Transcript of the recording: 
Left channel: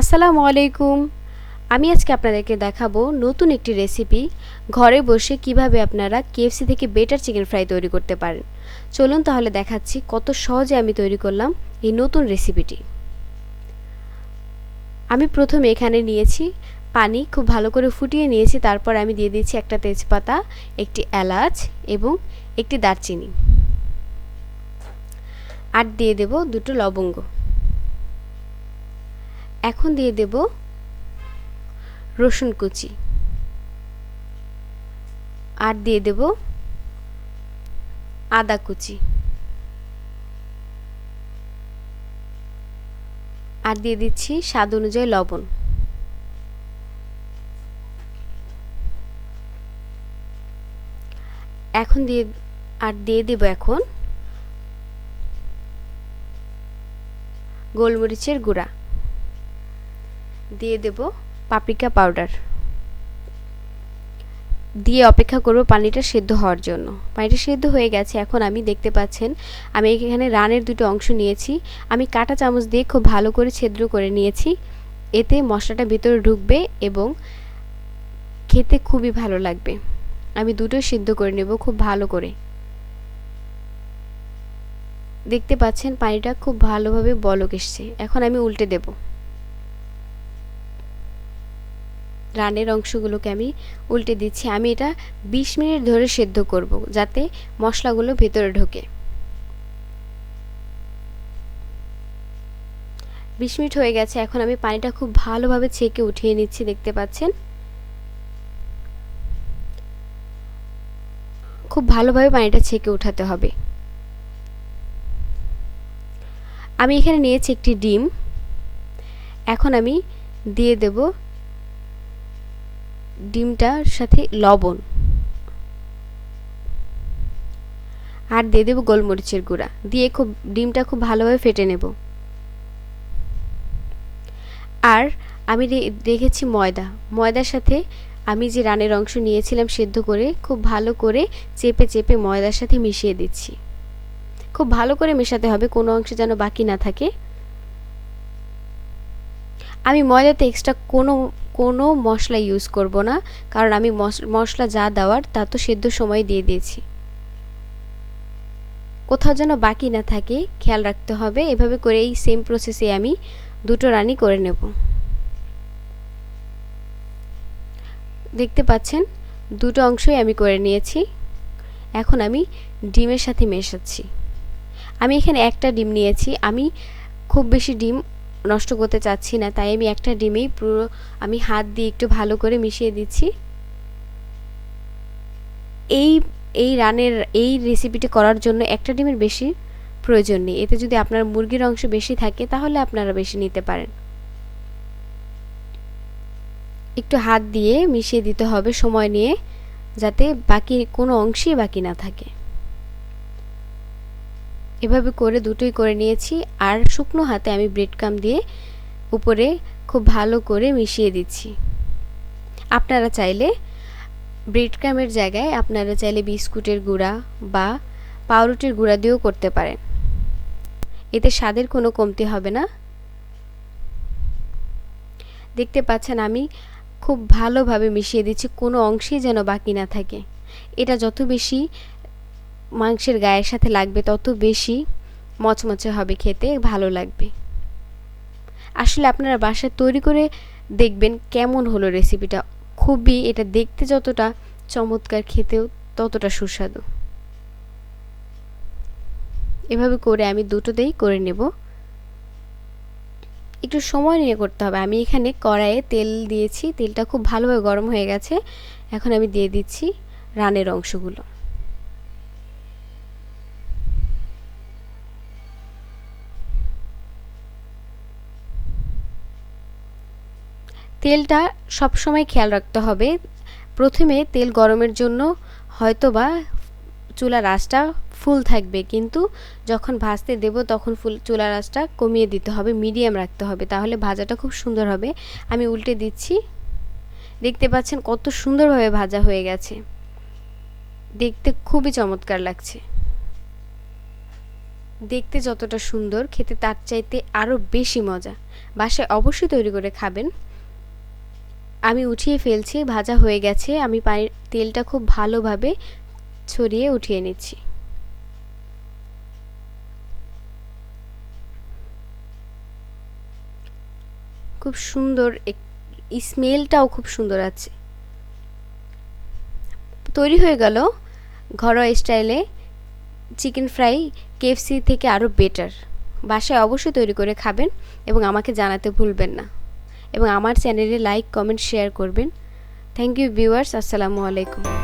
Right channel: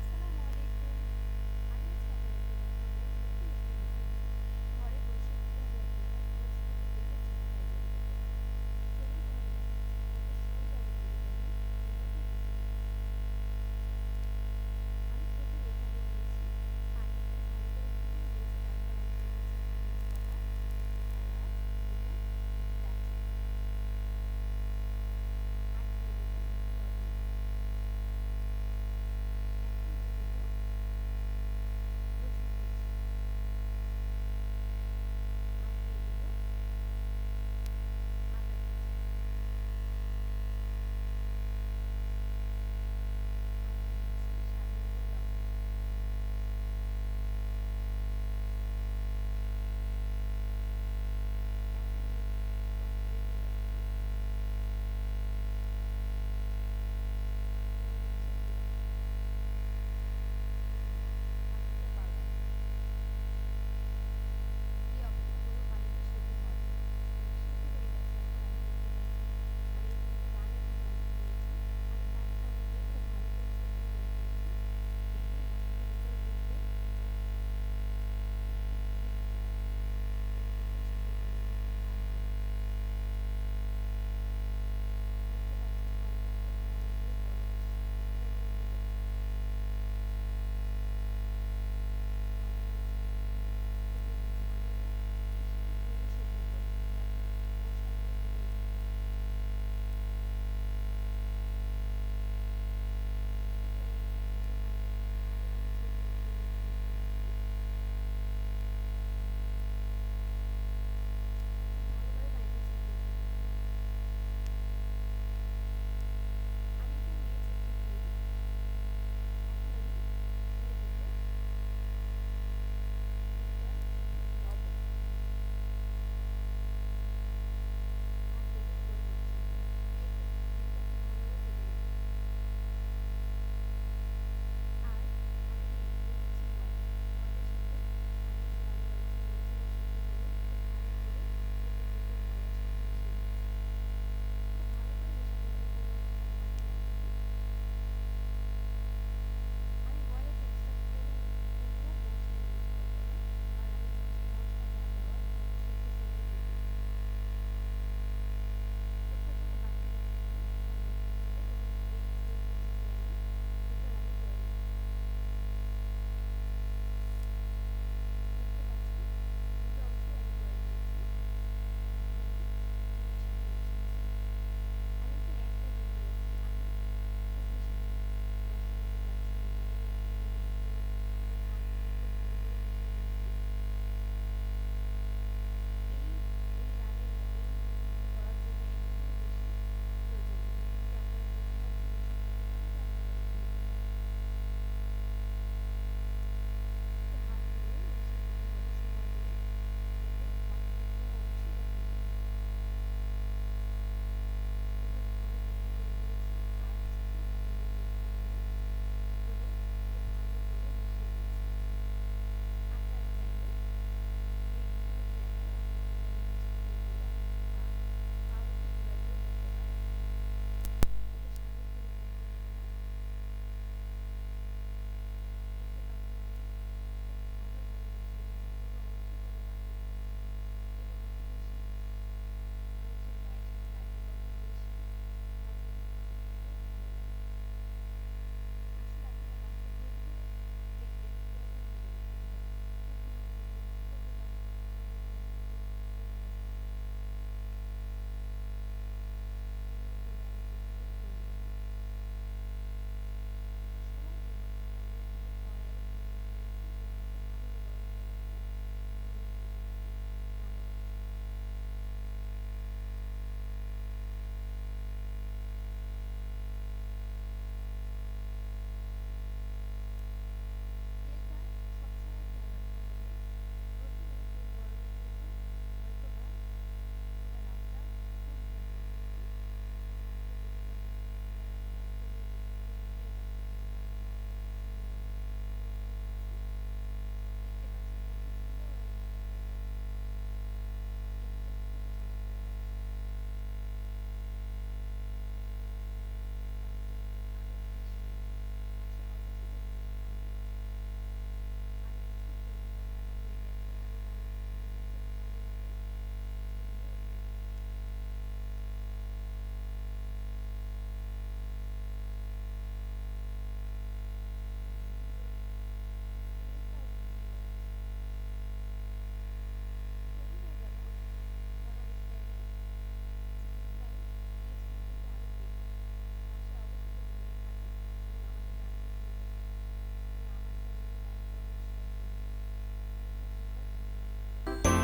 আসসালামু আলাইকুম। আমি আজকে আপনাদেরকে দেখাবো নতুন একটি রেসিপি, ঘরে বসে কীভাবে আপনারা কেএফসি থেকে বেটার চিকেন ফ্রাই তৈরি করতে পারেন। চলুন তাহলে দেখাচ্ছি কত সহজে আমি তৈরি করলাম এই নতুন রেসিপিটি। আমি প্রথমে এখানে নিয়েছি পানি, খুব ভালো করে ফুটিয়ে নিয়েছি, তারপর আমি দিয়ে দিয়েছি একটা তেজপাতা, একটি এলাচ এবং একটি দারচিনি। আর দিয়ে দেব দুটো লবঙ্গ। এখন দিয়ে দেব রসুন কুচি। আর দিয়ে দেব আদা কুচি। আর দিয়ে দিচ্ছি স্বাদ অনুযায়ী লবণ। এখন দিয়ে, আর দিয়ে দেব এখন গোলমরিচের গুঁড়া। দিয়ে দেব পাপরিকা পাউডার। দিয়ে অপেক্ষা করব পানিটা সেদ্ধ হওয়ার জন্য। পানিটা সেদ্ধ হয়ে গেছে, এখন আমি দেখতে পাচ্ছেন, আমি এখানে রানের দুটো অংশ নিয়েছি। আমি কাটা চামচ দিয়ে খুব ভালো করে ছেদ্র করে নিয়েছি। এতে মশলাটা ভিতরে ঢুকবে এবং খেতে খুবই ভালো লাগবে। আমি দুটো সিদ্ধ করে নেব খুব ভালো করে। দেখতে পাচ্ছেন, পানিটা খুব ভালোভাবে বলক এসছে। এখন আমি উল্টে দেব। রানের অংশগুলোকে আমি উল্টে দিচ্ছি। আমি এটা ২০ মিনিট ধরে সেদ্ধ করব যাতে মশলাগুলো ভেতরে ঢোকে। বিশ মিনিট হয়ে গেছে। এখন আমি পানিটা খুব ভালোভাবে ছেঁকে উঠিয়ে নিচ্ছি, দেখতে পাচ্ছেন? খুব ভালোভাবে পানিটা ছেঁকে উঠাতে হবে। আমি এখানে নিয়েছি একটি ডিম। এখন আমি দিয়ে দেব ডিমটার সাথে লবণ। আর দিয়ে দেবো গোলমরিচের গুঁড়া। দিয়ে খুব, ডিমটা খুব ভালোভাবে ফেটে নেব। আর আমি রেখেছি ময়দা। ময়দার সাথে আমি যে রানের অংশ নিয়েছিলাম সেদ্ধ করে খুব ভালো করে চেপে চেপে ময়দার সাথে মিশিয়ে দিচ্ছি। খুব ভালো করে মেশাতে হবে, কোনো অংশ যেন বাকি না থাকে। আমি ময়দাতে এক্সট্রা কোনো কোনো মশলা ইউজ করব না, কারণ আমি মশলা যা দেওয়ার তা তো সেদ্ধ সময় দিয়ে দিয়েছি। কোথাও যেন বাকি না থাকে, খেয়াল রাখতে হবে, এভাবে করে এই সেম প্রসেসে আমি দুটো রানি করে নেব। দেখতে পাচ্ছেন, দুটো অংশই আমি করে নিয়েছি, এখন আমি ডিমের সাথে মেশাচ্ছি। আমি এখানে একটা ডিম নিয়েছি, আমি খুব বেশি ডিম নষ্ট করতে চাচ্ছি না, তাই আমি একটা ডিমেই পুরো আমি হাত দিয়ে একটু ভালো করে মিশিয়ে দিচ্ছি। এই এই রানের, এই রেসিপিটি করার জন্য একটা ডিমের বেশি প্রয়োজন নেই। এতে যদি আপনার মুরগির অংশ বেশি থাকে, তাহলে আপনারা বেশি নিতে পারেন। একটু হাত দিয়ে মিশিয়ে দিতে হবে সময় নিয়ে, যাতে বাকি কোনো অংশই বাকি না থাকে। এভাবে করে দুটোই করে নিয়েছি আর শুকনো হাতে আমি ব্রেড কাম দিয়ে উপরে খুব ভালো করে মিশিয়ে দিচ্ছি। আপনারা চাইলে ব্রেড কামের জায়গায় আপনারা চাইলে বিস্কুটের গুঁড়া বা পাউরুটির গুঁড়া দিয়েও করতে পারেন। এতে স্বাদের কোনো কমতি হবে না। দেখতে পাচ্ছেন আমি খুব ভালোভাবে মিশিয়ে দিচ্ছি, কোনো অংশেই যেন বাকি না থাকে। এটা যত বেশি মাংসের গায়ের সাথে লাগবে তত বেশি মচমচে হবে খেতে, ভালো লাগবে। আসলে আপনারা বাসায় তৈরি করে দেখবেন কেমন হলো রেসিপিটা খুবই এটা দেখতে যতটা চমৎকার খেতেও ততটা সুস্বাদু। এভাবে করে আমি দুটোতেই করে নেব। একটু সময় নিয়ে করতে হবে। আমি এখানে কড়াইয়ে তেল দিয়েছি। তেলটা খুব ভালোভাবে গরম হয়ে গেছে। এখন আমি দিয়ে দিচ্ছি রানের অংশগুলো। তেলটা সবসময় খেয়াল রাখতে হবে। প্রথমে তেল গরমের জন্য হয়তোবা চুলার আঁচটা ফুল থাকবে, কিন্তু যখন ভাজতে দেব তখন ফুল চুলার আঁচটা কমিয়ে দিতে হবে, মিডিয়াম রাখতে হবে, তাহলে ভাজাটা খুব সুন্দর হবে। আমি উল্টে দিচ্ছি। দেখতে পাচ্ছেন কত সুন্দরভাবে ভাজা হয়ে গেছে। দেখতে খুবই চমৎকার লাগছে। দেখতে যতটা সুন্দর, খেতে তার চাইতে আরও বেশি মজা। বাসায় অবশ্যই তৈরি করে খাবেন। আমি উঠিয়ে ফেলছি, ভাজা হয়ে গেছে, আমি পানি তেলটা খুব ভালোভাবে ছড়িয়ে উঠিয়ে নিচ্ছি। খুব সুন্দর স্মেলটাও খুব সুন্দর আছে। তৈরি হয়ে গেল ঘরোয়া স্টাইলে চিকেন ফ্রাই কেএফসি থেকে আরও বেটার। বাসায় অবশ্যই তৈরি করে খাবেন এবং আমাকে জানাতে ভুলবেন না। এবং আমার চ্যানেলে লাইক কমেন্ট শেয়ার করবেন। থ্যাংক ইউ ভিউয়ার্স আসসালামু আলাইকুম।